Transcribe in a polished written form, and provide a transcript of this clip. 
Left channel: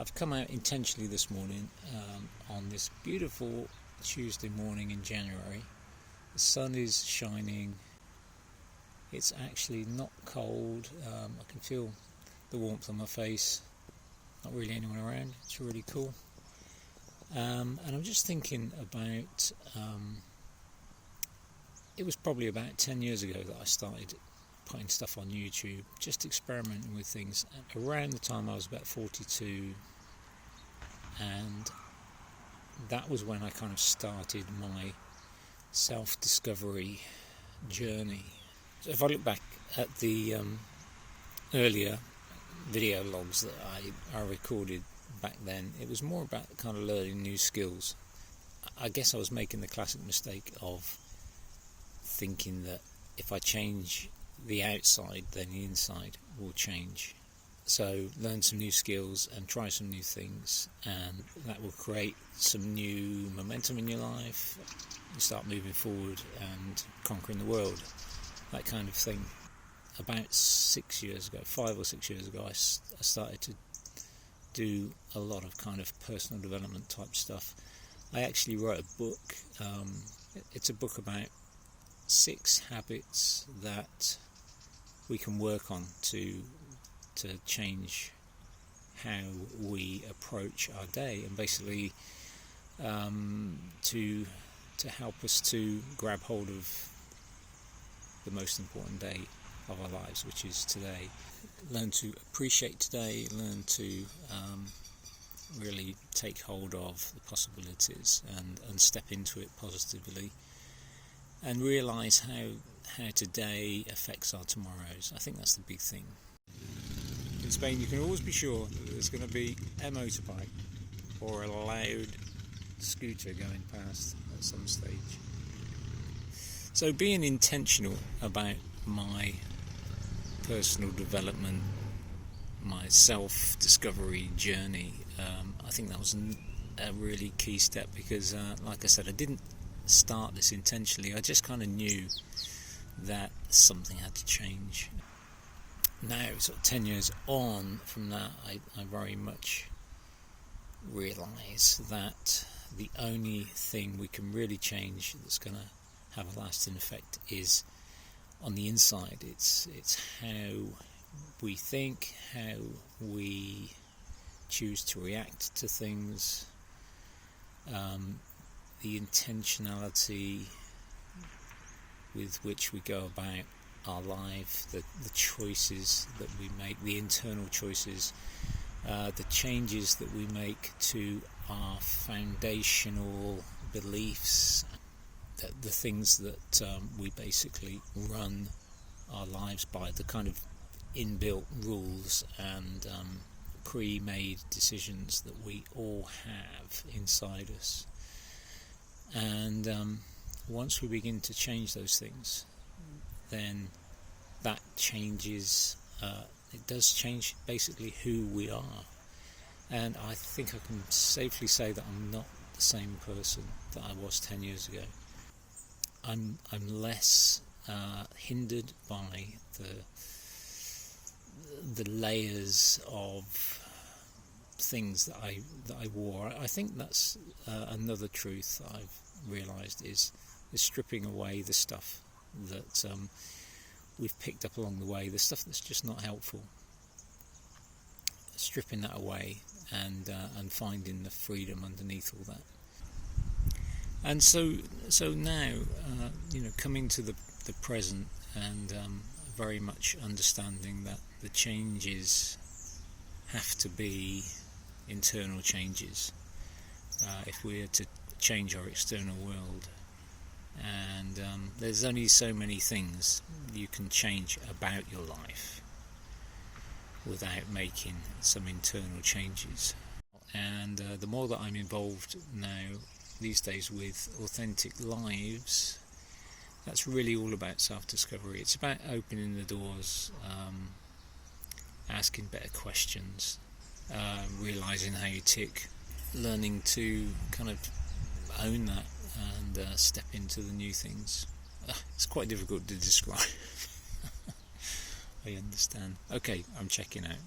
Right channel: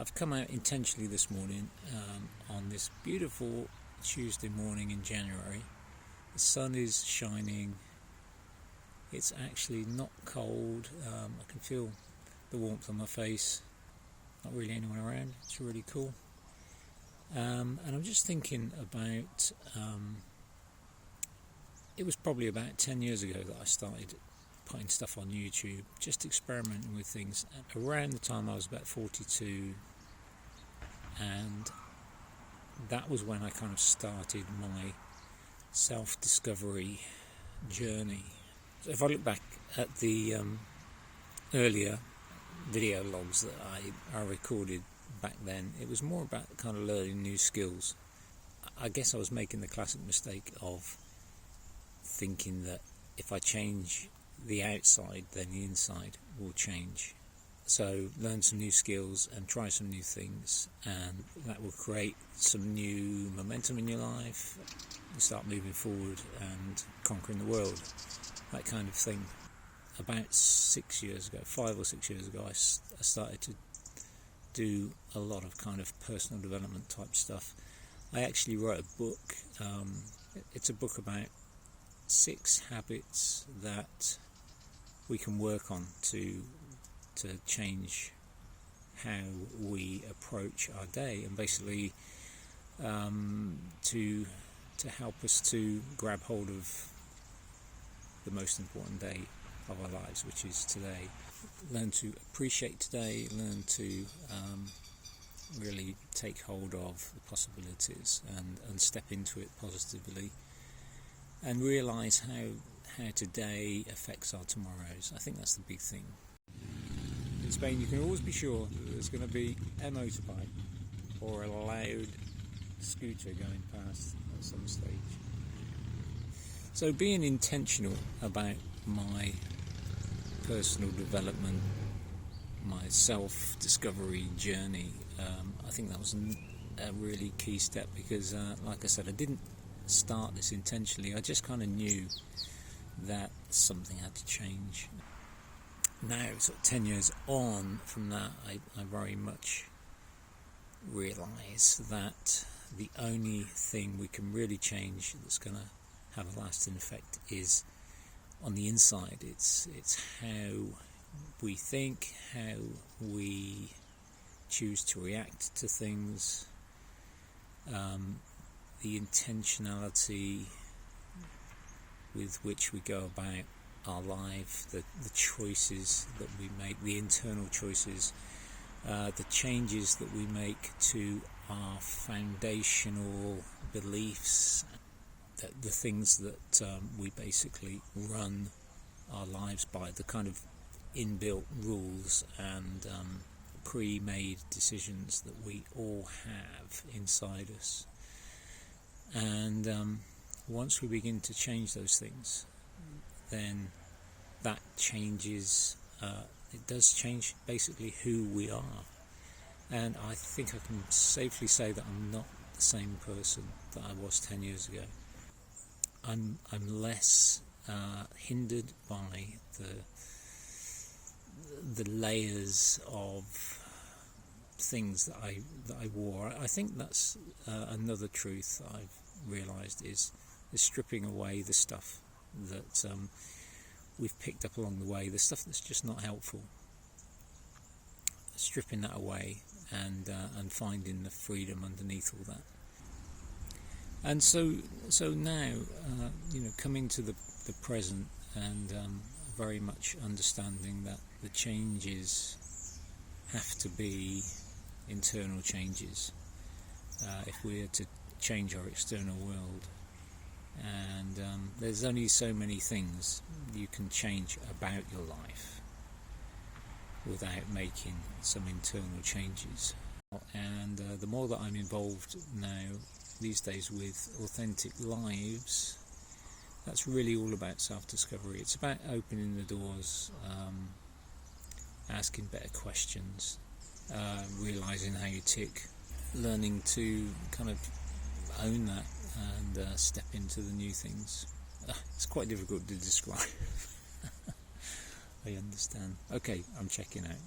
I've come out intentionally this morning on this beautiful Tuesday morning in January. The sun is shining. It's actually not cold. I can feel the warmth on my face. Not really anyone around. It's really cool. And I'm just thinking about, it was probably about 10 years ago that I started putting stuff on YouTube, just experimenting with things. And around the time I was about 42, and that was when I kind of started my self-discovery journey. So if I look back at the earlier video logs that I recorded back then, it was more about kind of learning new skills. I guess I was making the classic mistake of thinking that if I change the outside, then the inside will change. So learn some new skills and try some new things, and that will create some new momentum in your life. You start moving forward and conquering the world, that kind of thing. About 6 years ago, 5 or 6 years ago, I started to do a lot of kind of personal development type stuff. I actually wrote a book. It's a book about 6 habits that we can work on to change how we approach our day, and basically to help us to grab hold of the most important day of our lives, which is today. Learn to appreciate today, learn to really take hold of the possibilities and step into it positively, and realise how today affects our tomorrows. I think that's the big thing. In Spain, you can always be sure that there's going to be a motorbike or a loud scooter going past at some stage. So being intentional about my personal development, my self-discovery journey, I think that was a really key step, because like I said, I didn't start this intentionally. I just kind of knew that something had to change. Now, sort of 10 years on from that, I very much realise that the only thing we can really change that's going to have a lasting effect is on the inside. It's how we think, how we choose to react to things, the intentionality with which we go about our life, the choices that we make, the internal choices, the changes that we make to our foundational beliefs, the things that we basically run our lives by, the kind of inbuilt rules and pre-made decisions that we all have inside us. And once we begin to change those things, then that changes, it does change basically who we are. And I think I can safely say that I'm not the same person that I was 10 years ago. I'm less hindered by the layers of things that I wore. I think that's another truth that I've realised is stripping away the stuff that we've picked up along the way, the stuff that's just not helpful. Stripping that away and finding the freedom underneath all that. And so now, coming to the present, and very much understanding that the changes have to be internal changes if we're to change our external world. And there's only so many things you can change about your life without making some internal changes. And the more that I'm involved now these days with authentic lives, that's really all about self-discovery. It's about opening the doors, asking better questions, realising how you tick, learning to kind of own that and step into the new things. It's quite difficult to describe. I understand. Okay, I'm checking out.